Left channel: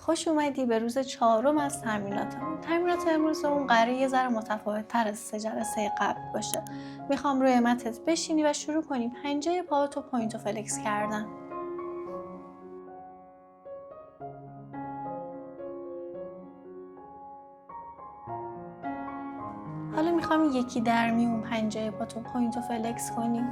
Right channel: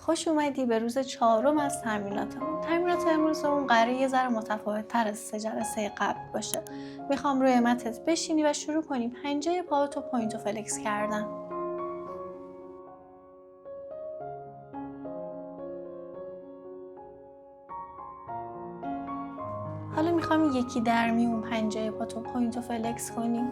خوش اومدی به روز 4 از تمریناتمون. تمرینات امروزمون قراره یه ذره متفاوت‌تر از 3 جلسه قبل باشه. میخوام روی متت بشینی و شروع کنی پنجه پاهاتو پوینت و فلکس کردن. حالا میخوام یکی در میون پنجه پاتو پوینت و فلکس کنی.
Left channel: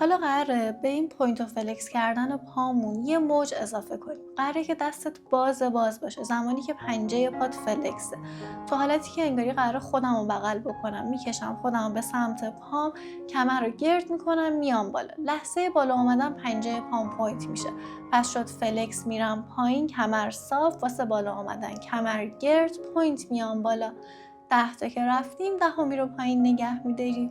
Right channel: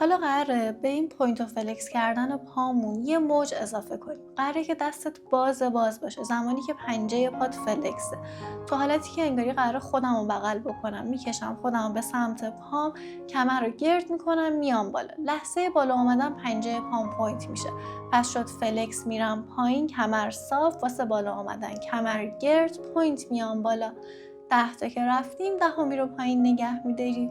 حالا قراره به این پوینت و فلکس کردن پامون یه موج اضافه کنیم. قراره که دستت باز باشه زمانی که پنجه پات فلکسه. تو حالتی که انگاری قراره خودم رو بغل بکنم، میکشم خودم به سمت پام، کمر رو گرد میکنم، میام بالا. لحظه بالا اومدن پنجه پام پوینت میشه. پس شد فلکس، میرم پایین، کمر صاف واسه بالا آمدن، کمر گرد، پوینت، میام بالا. 10 تا که رفتیم، 10می رو پایین نگه میداریم.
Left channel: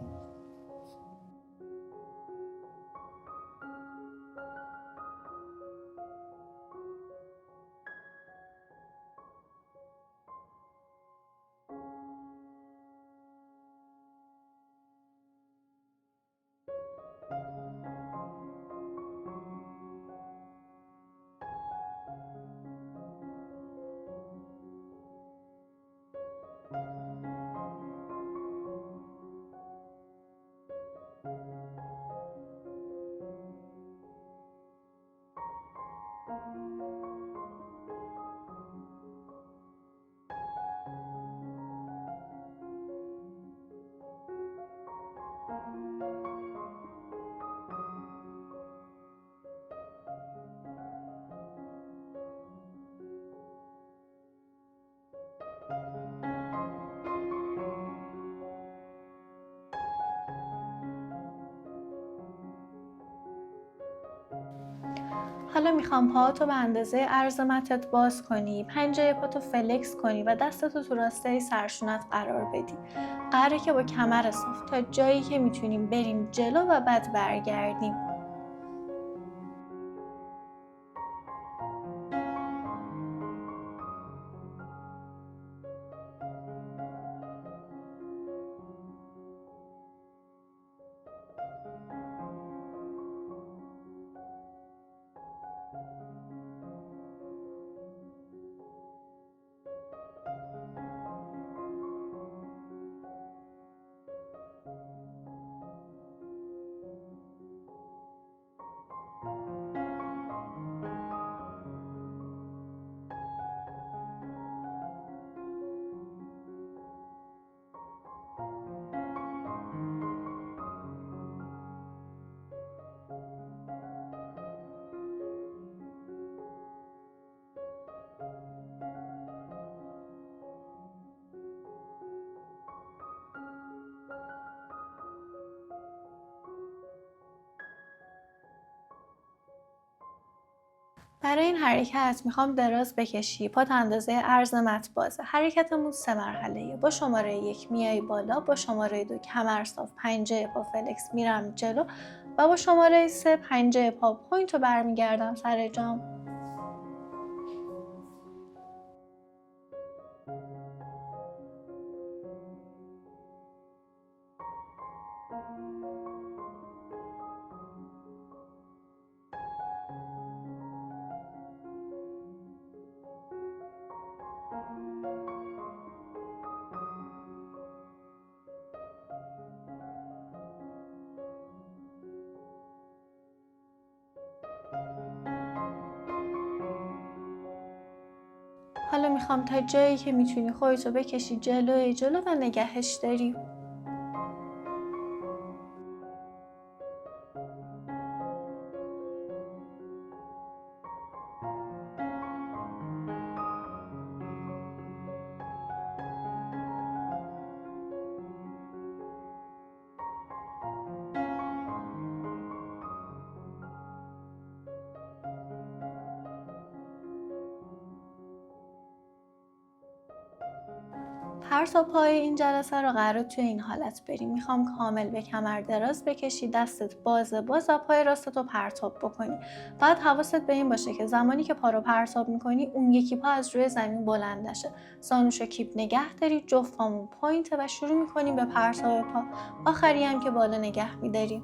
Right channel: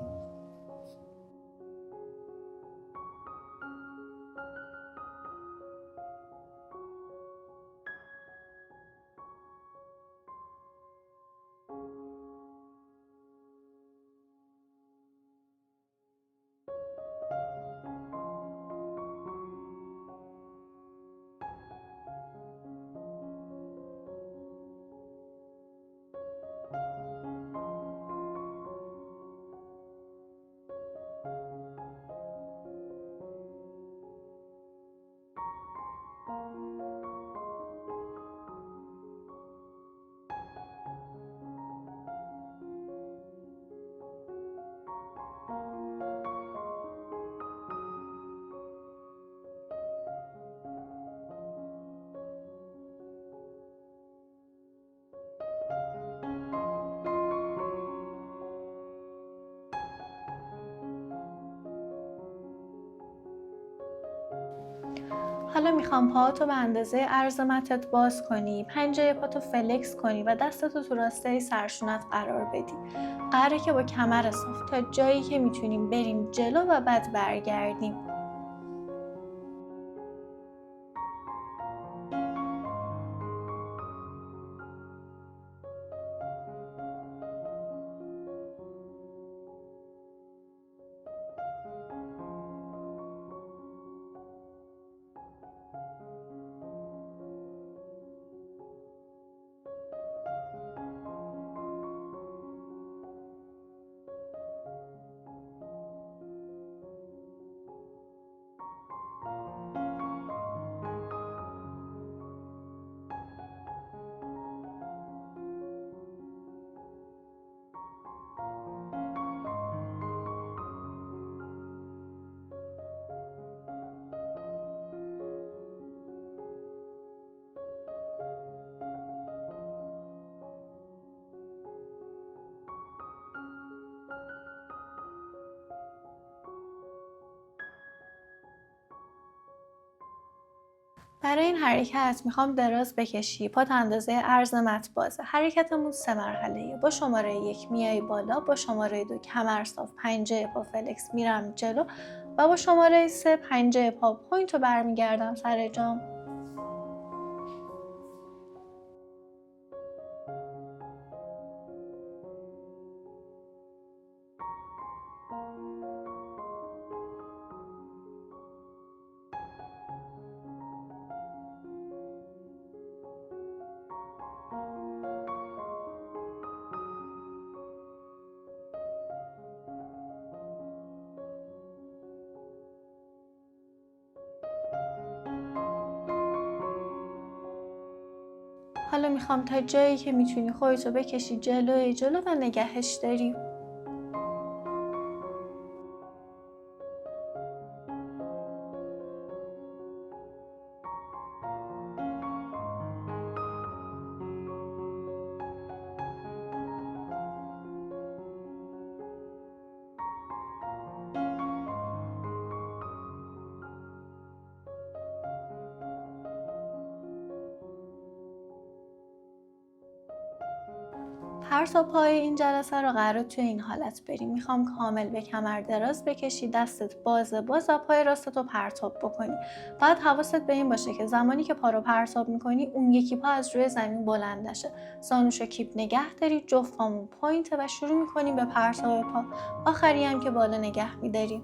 حالا میخوام پاهاتو به اندازه عرض متت باز کنی، پنجه پاتو فلکس کنی و دستتو تو راسته سرشونت قرار بدی. قراره که با کمر صاف تا جایی که میتونیم بریم جلو و بعد برگردیم. برای این حرکت میخوام دراز بکشی، پات اندازه عرض مت بازه. حرکتمون 3 مرحله‌ایه. با شماره 1 میای بالا، با شماره 2 کمر صاف، پنجه پا فلکس، میرم جلو و با شماره 3 پنجه پا پوینت رو برمیگردم سر جام. حالا میخوام تا جایی که میتونی خودتو بکشی جلو و نگهش داری. پرتاب پای این جلسه رو قراره توی این حالت بریم. میخوام کامل به کمر دراز بکشی، دستت باز و پای راستتو پرتاب بکنی. بعد حواست به این باشه که زمانی که پا رو پرتاب میکنی اون یکی پا از روی زمین بلند نشه. زانوشو کیپ نگه داری، جفت پامون پوینته و شروع میکنیم به پرتاب پا. آخری هم که بالا نگه میداریم.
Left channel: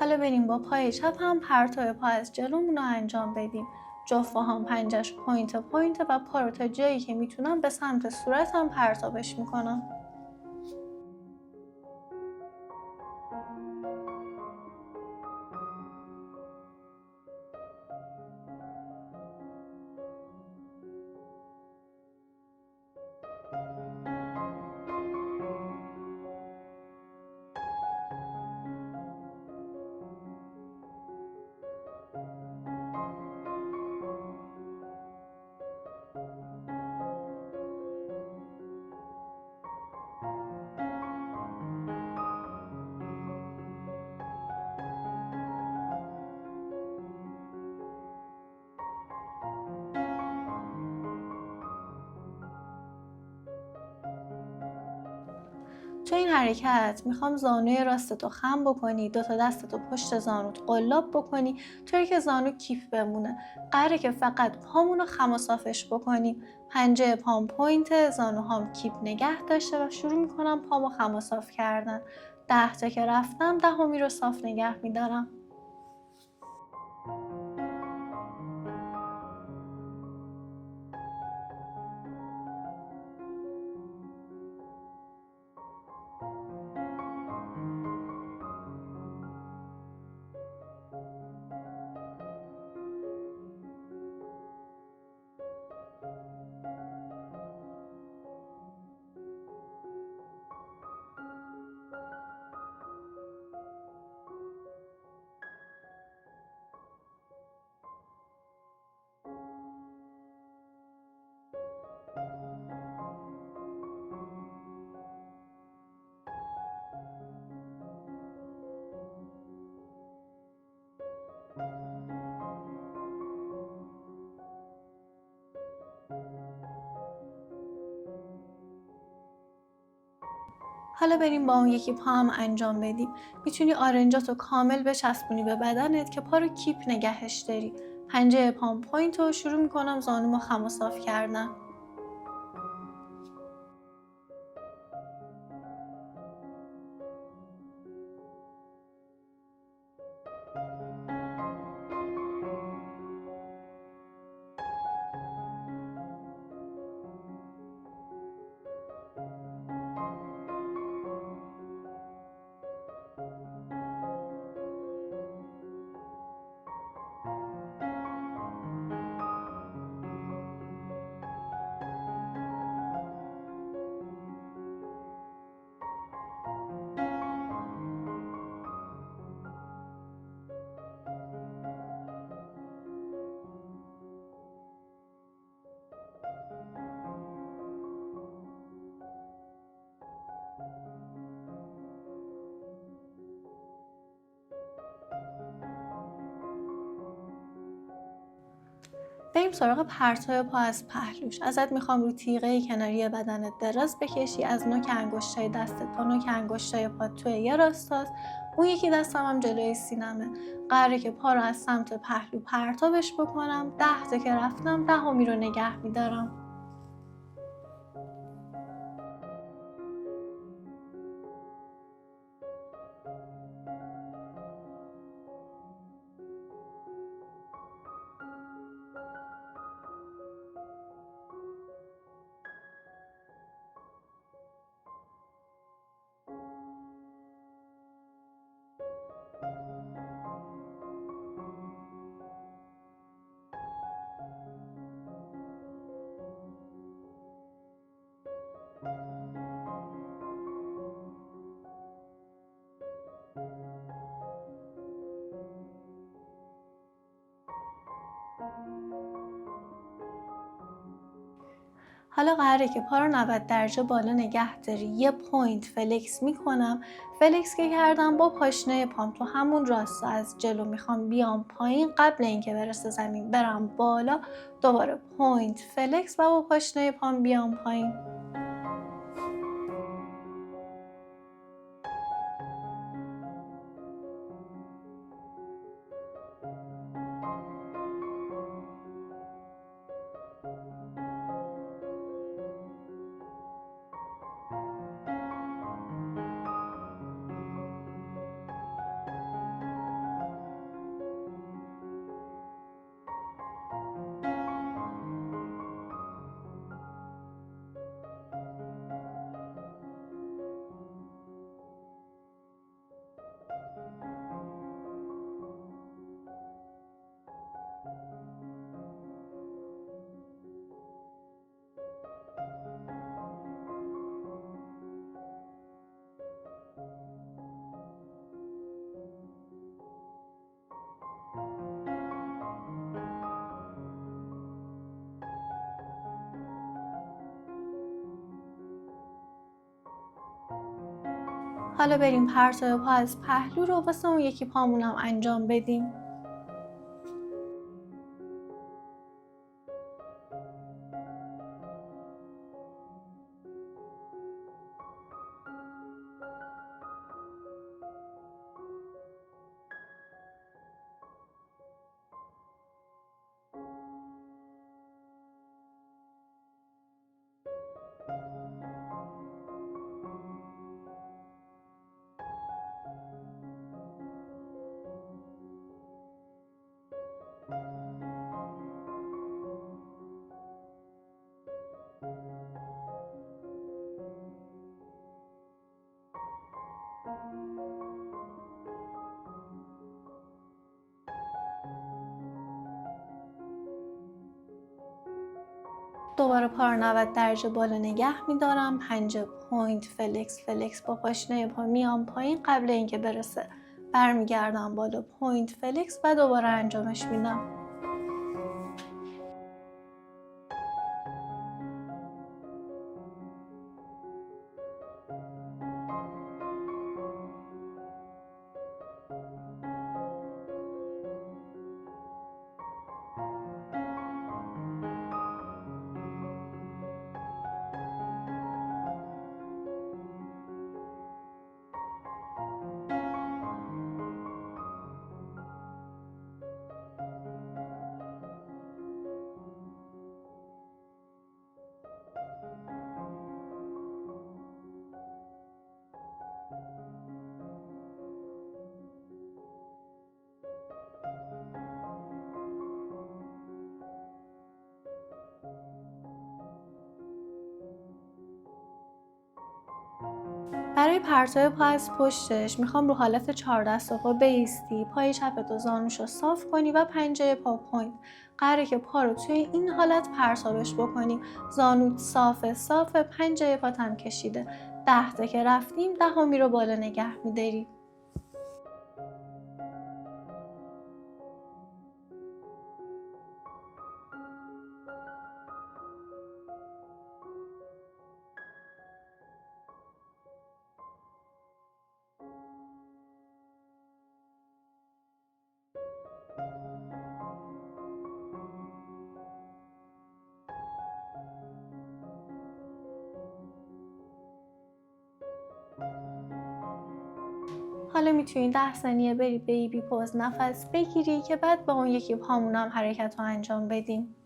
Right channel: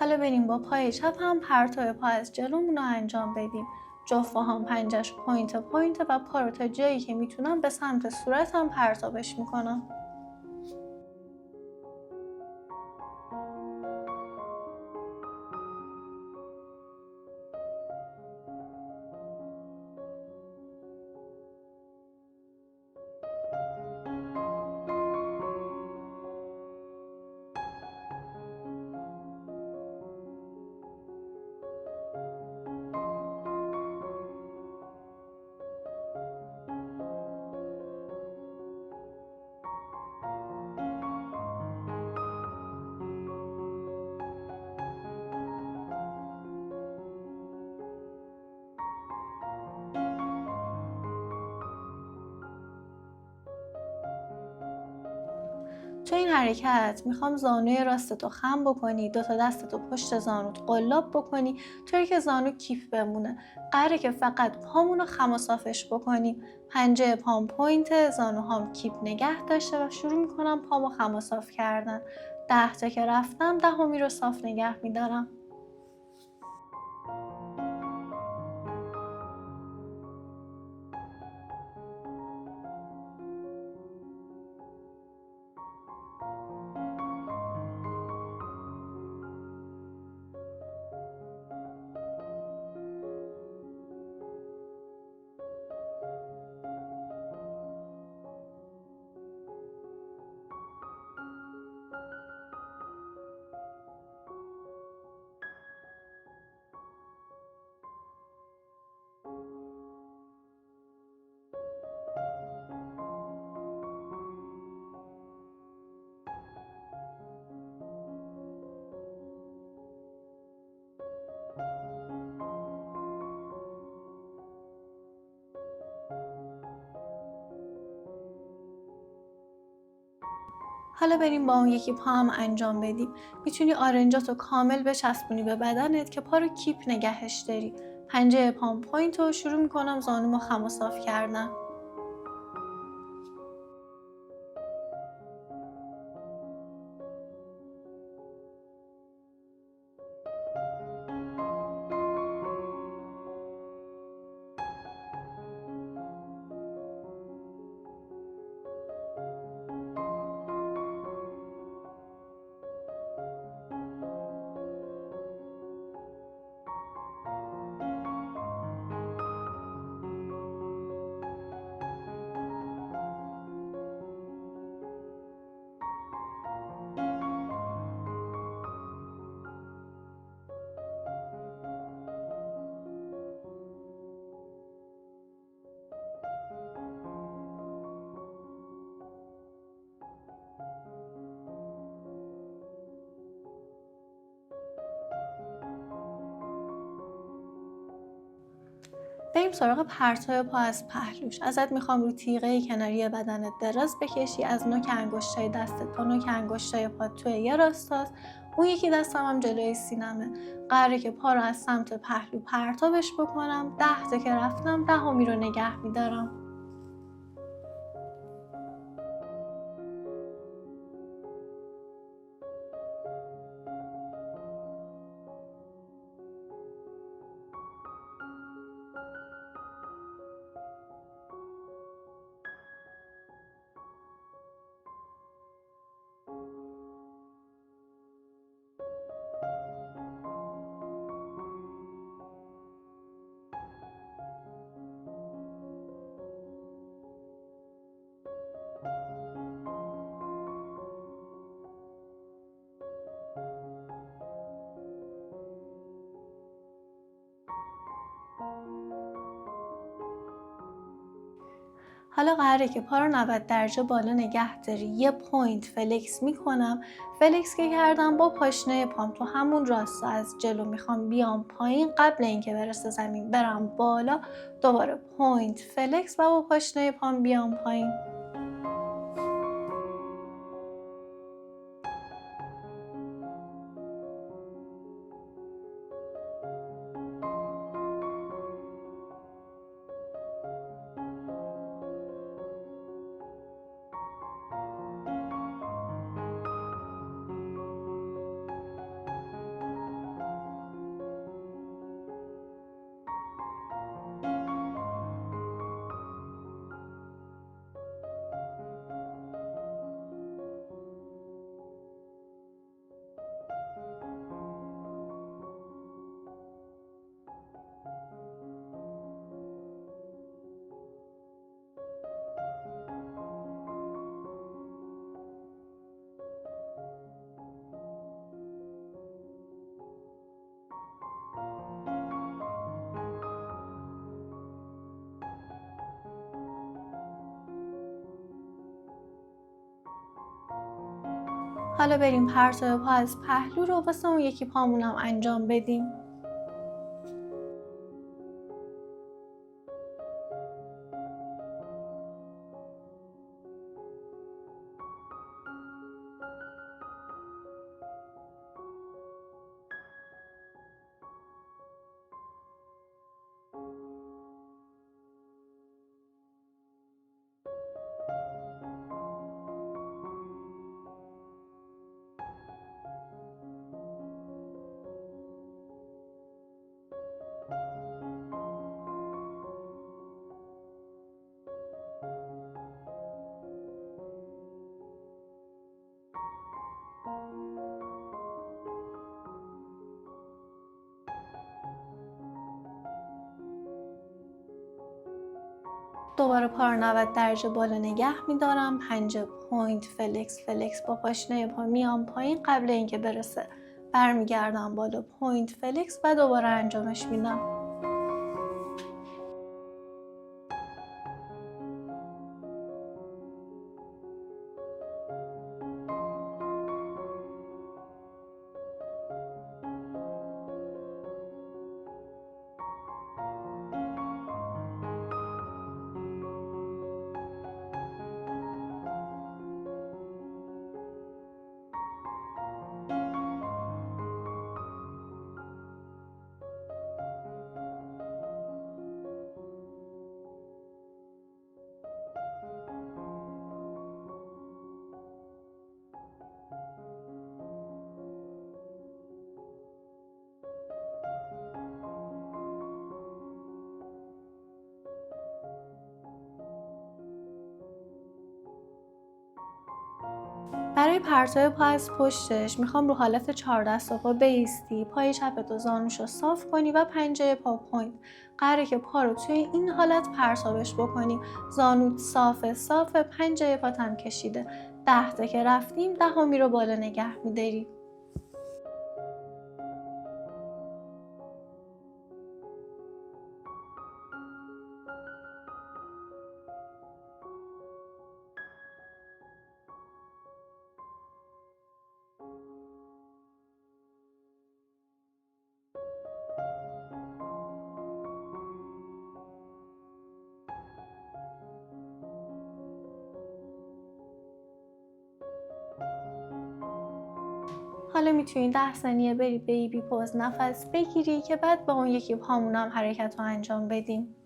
حالا بریم با پای چپ هم پرتاب پا از جلومون رو انجام بدیم. جفت پا هم پنجه‌ش پوینت و پا رو تا جایی که میتونم به سمت صورتم پرتابش میکنم. تو این حرکت میخوام زانوی راستتو خم بکنی، دوتا دستتو پشت زانوت قلاب بکنی طوری که زانو کیپ بمونه. قراره که فقط پامونو خم و صافش بکنیم. پنجه پام پوینت، زانوهام کیپ نگه داشته و شروع میکنم پامو خم و صاف کردن. 10 تا که رفتم 10می رو صاف نگه میدارم. حالا بریم با اون یکی پا هم انجام بدیم. میتونی آرنجاتو کامل بچسبونی به بدنت که پا رو کیپ نگهش داری. پنجه پام پوینت رو شروع میکنم زانومو خم و صاف کردن. بریم سراغ پرتاب پا از پهلوش. ازت میخوام رو تیغه کناری بدنت دراز بکشی. از نوک انگشتای دستت تا نوک انگشتای پات توی یه راستاست. اون یکی دستم هم جلوی سینمه. قراره که پا رو از سمت پهلو پرتابش بکنم. 10 تا که رفتم 10می رو نگه میدارم. حالا قراره که پا رو 90 درجه بالا نگه داری. یه پوینت فلکس میکنم. فلکس که کردم با پاشنه پام تو همون راستا از جلو میخوام بیام پایین، قبل اینکه برسه زمین برم بالا، دوباره پوینت فلکس و با پاشنه پام بیام پایین. حالا بریم پرتاب پا از پهلو رو واسه اون یکی پامونم انجام بدیم. دوباره پا رو 90 درجه بالا نگه میدارم. پنجه پوینت فلکس فلکس با پاشنه پا میام پایین، قبل اینکه برسه برمیگردم بالا پوینت فلکس و دوباره انجامش میدم. برای پرتاب پا از پشتش میخوام رو حالت 4 دست پا بایستی، پای چپت و زانوشو صاف کنی و پنجه پا پوینت. قراره که پا رو توی این حالت پرتابش بکنیم. زانوت صافه، پنجه پاتم کشیده. 10 تا که رفتیم، 10می رو بالا نگه میداری. حالا میتونی 10 ثانیه بری بیبی پوز نفس بگیری که بعد با اون یکی پامونم حرکت رو انجام بدیم.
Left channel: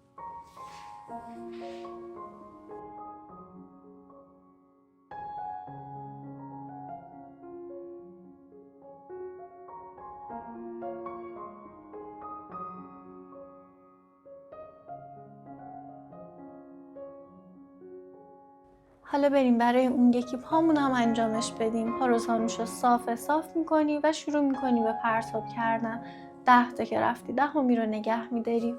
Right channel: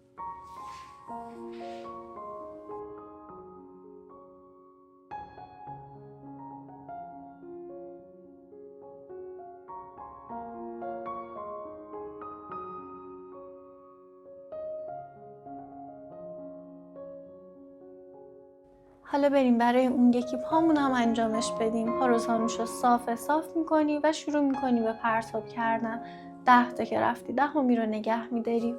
حالا بریم برای اون یکی پامونم انجامش بدیم. پا رو زانوشو صاف میکنی و شروع میکنی به پرتاب کردن. 10 تا که رفتی، 10می رو نگه میداری.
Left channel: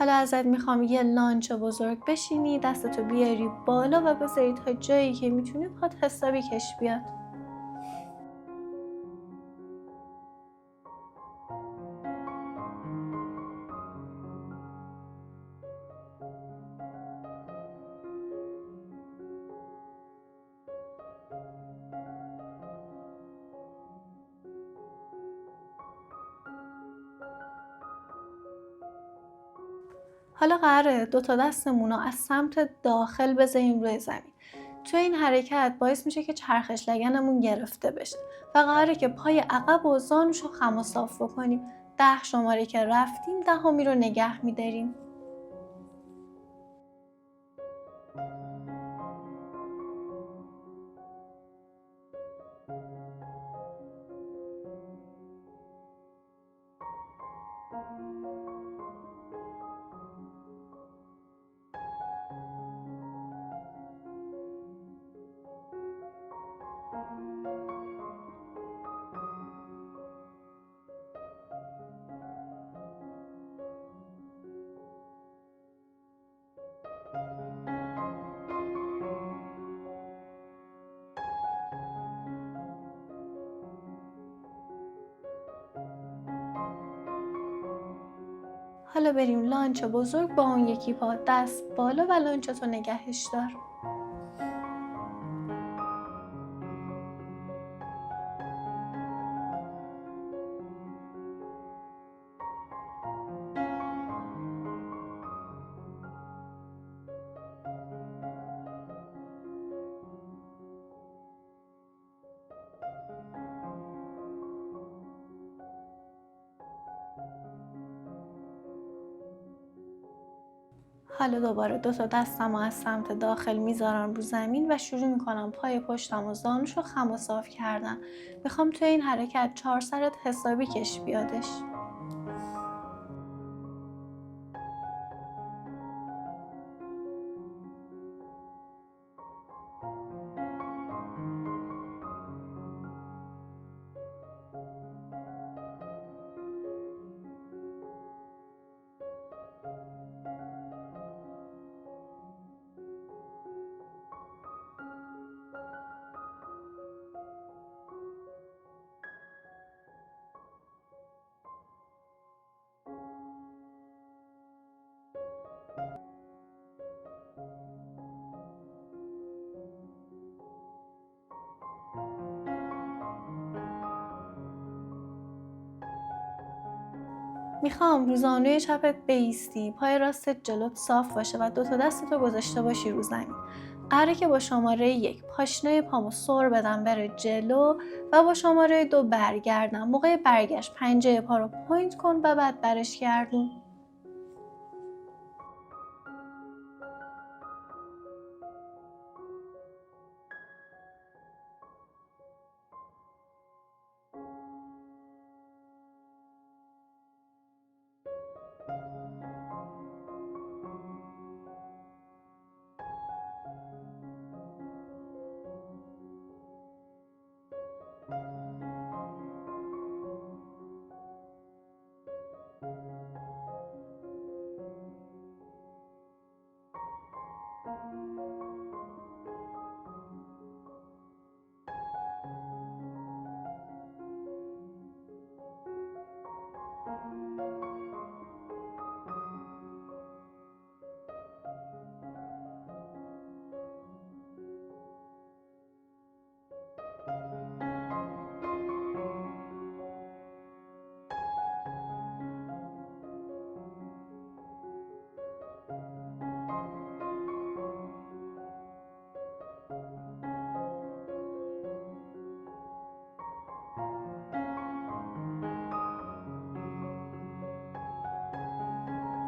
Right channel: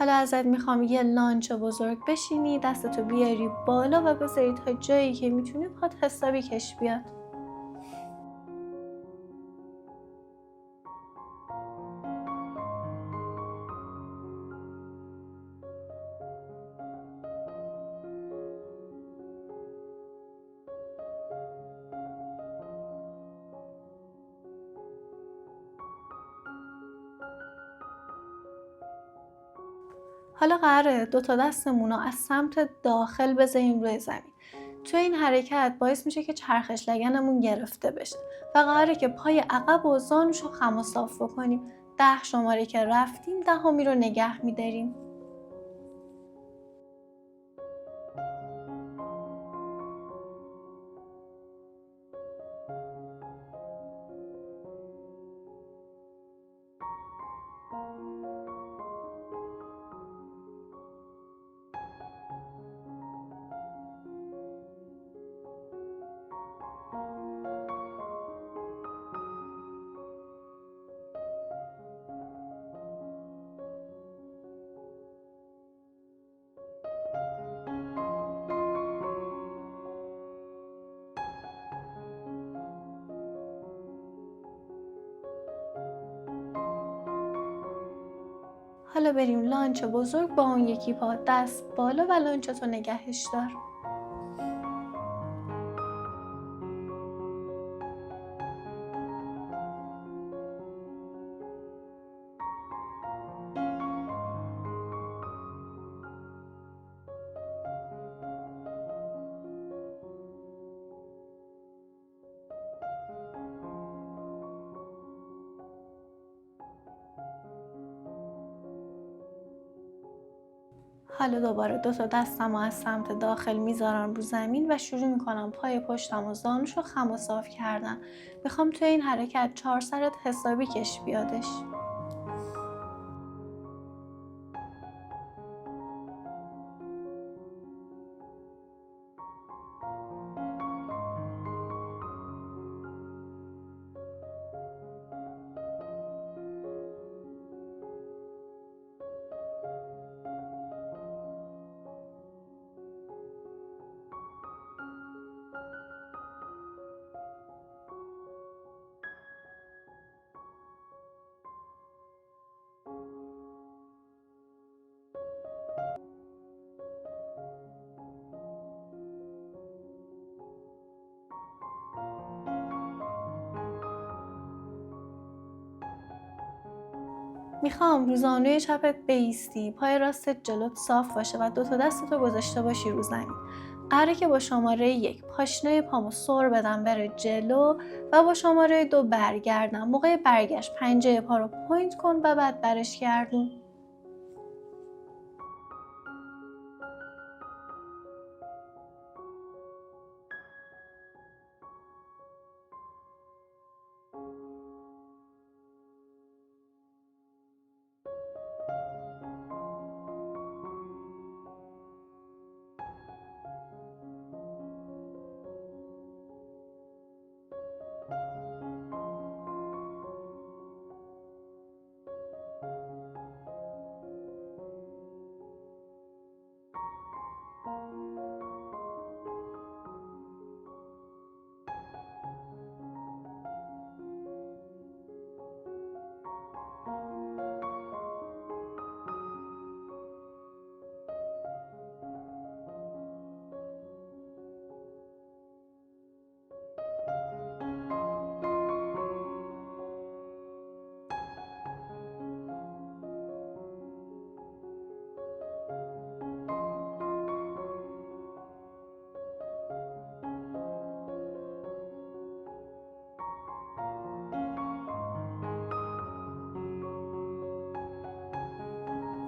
حالا ازت میخوام یه لانچ بزرگ بشینی، دستتو بیاری بالا و بذاری تا جایی که میتونی پات حسابی کش بیاد. حالا قراره 2 تا دستمون رو از سمت داخل بذاریم روی زمین. توی این حرکت باعث میشه که چرخش لگنمون گرفته بشه و قراره که پای عقب و زانوشو خم و صاف بکنیم. 10 شماره که رفتیم، 10می رو نگه میداریم. حالا بریم لانچ بزرگ با اون یکی پا، دست بالا و لانچتو نگهش دار. حالا دوباره 2 تا دستمو از سمت داخل میذارم رو زمین و شروع میکنم پای پشتم و زانوشو خم و صاف کردن. میخوام توی این حرکت 4 سرت حسابی کش بیادش. میخوام رو زانوی چپت بایستی، پای راستت جلوت صاف باشه و 2 تا دستتو گذاشته باشی رو زمین. قراره که با شماره 1 پاشنه پامو سر بدم بره جلو و با شماره 2 برگردم. موقع برگشت پنجه پا رو پوینت کن و بعد برش گردون.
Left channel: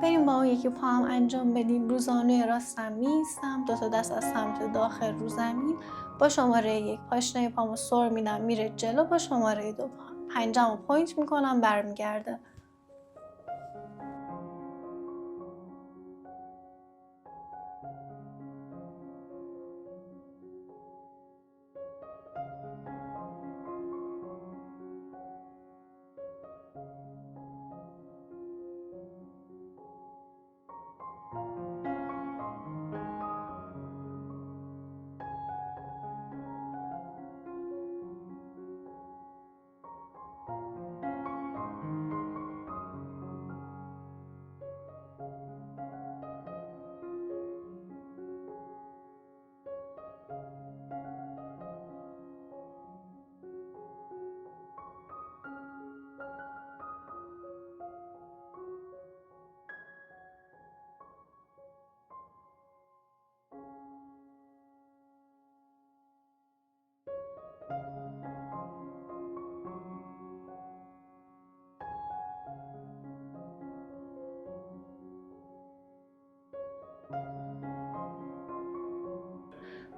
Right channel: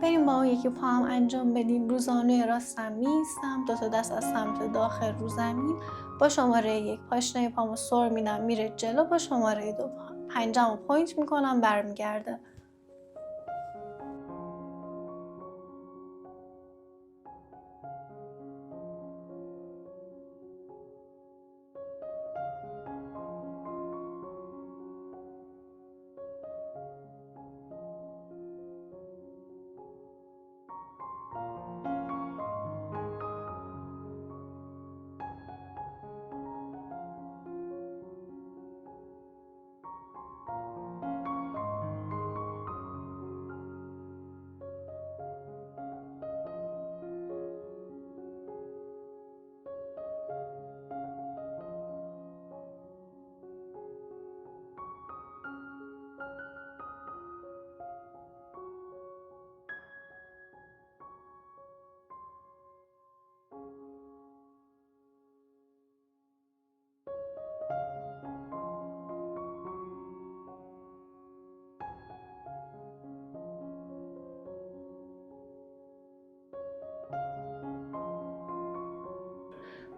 بریم با اون یکی پا هم انجام بدیم. رو زانوی راستم میستم، 2 تا دست از سمت داخل رو زمین. با شماره 1 پاشنه پامو سر میدم میره جلو، با شماره 2 پنجمو پوینت میکنم برمیگرده.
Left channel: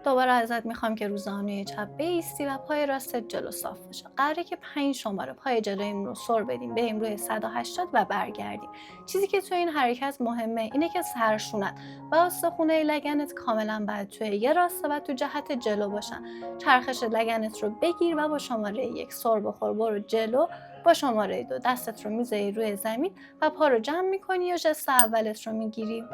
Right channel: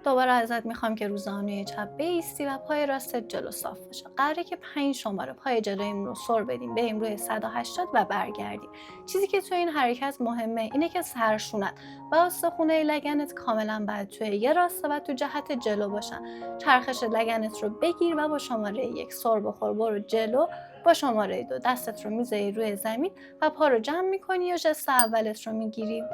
دوباره ازت میخوام که رو زانوی چپ بایستی و پای راست جلو صاف باشه. قراره که 5 شماره پای جلویمون رو سر بدیم، بریم روی 180 و برگردیم. چیزی که توی این حرکت مهمه اینه که سرشونت و استخونه لگنت کاملا باید توی یه راسته و تو جهت جلو باشن. چرخش لگنت رو بگیر و با شماره 1 سر بخور، برو جلو. با شماره 2 دستت رو میذاری روی زمین و پا رو جمع میکنی و ژست اولت رو میگیری.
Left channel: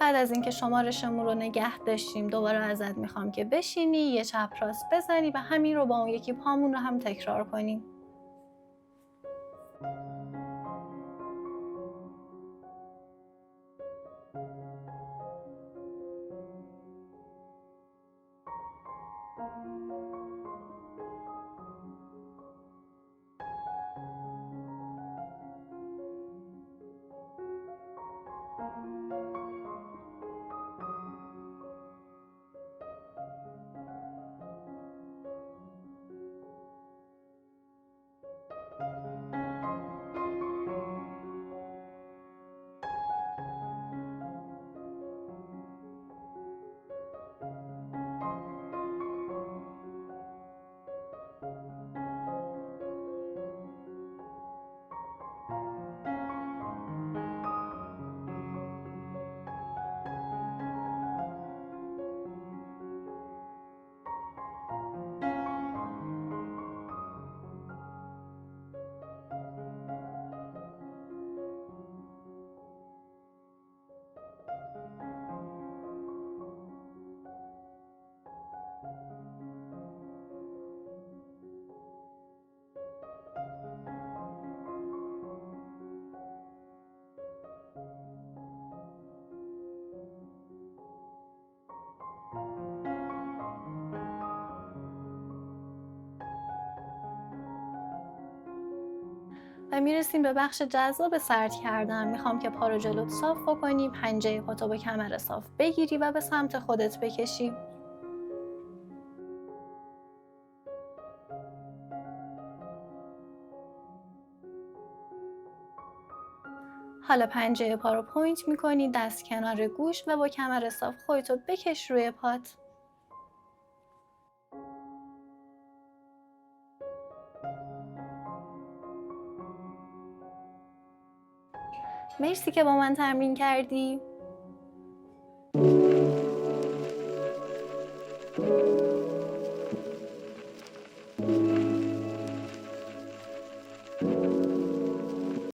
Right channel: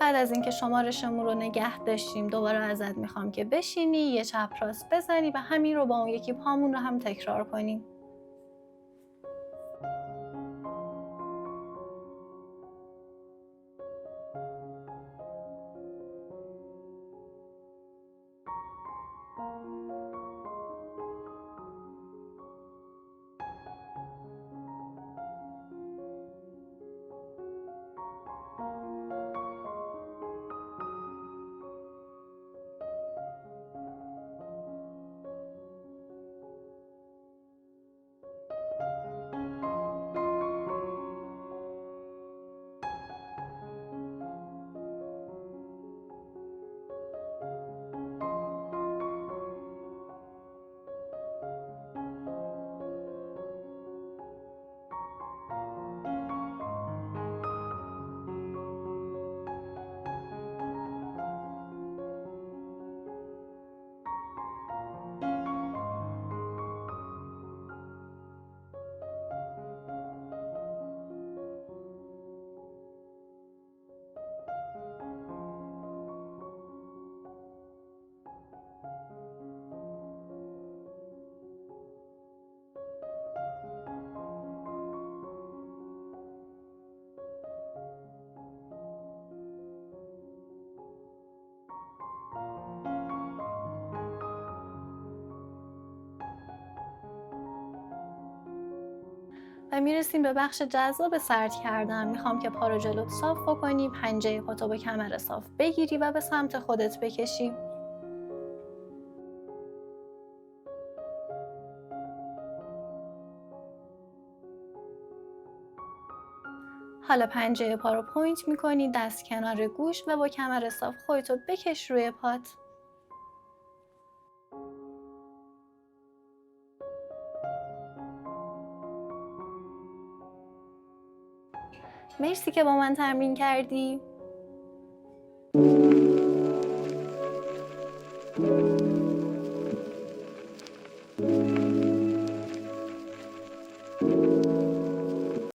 بعد از اینکه شمارشمون رو نگه داشتیم دوباره ازت میخوام که بشینی، یه چپ راست بزنی و همین رو با اون یکی پامون رو هم تکرار کنیم. و میرسیم به بخش جذاب سرد کردن. میخوام که پا رو جلوت صاف بکنی، پنجه پاتو با کمر صاف بگیری و به سمت خودت بکشی. حالا پنجه پا رو پوینت میکنی، دست کنار گوش و با کمر صاف خودتو بکش روی پات. مرسی که با من تمرین کردی.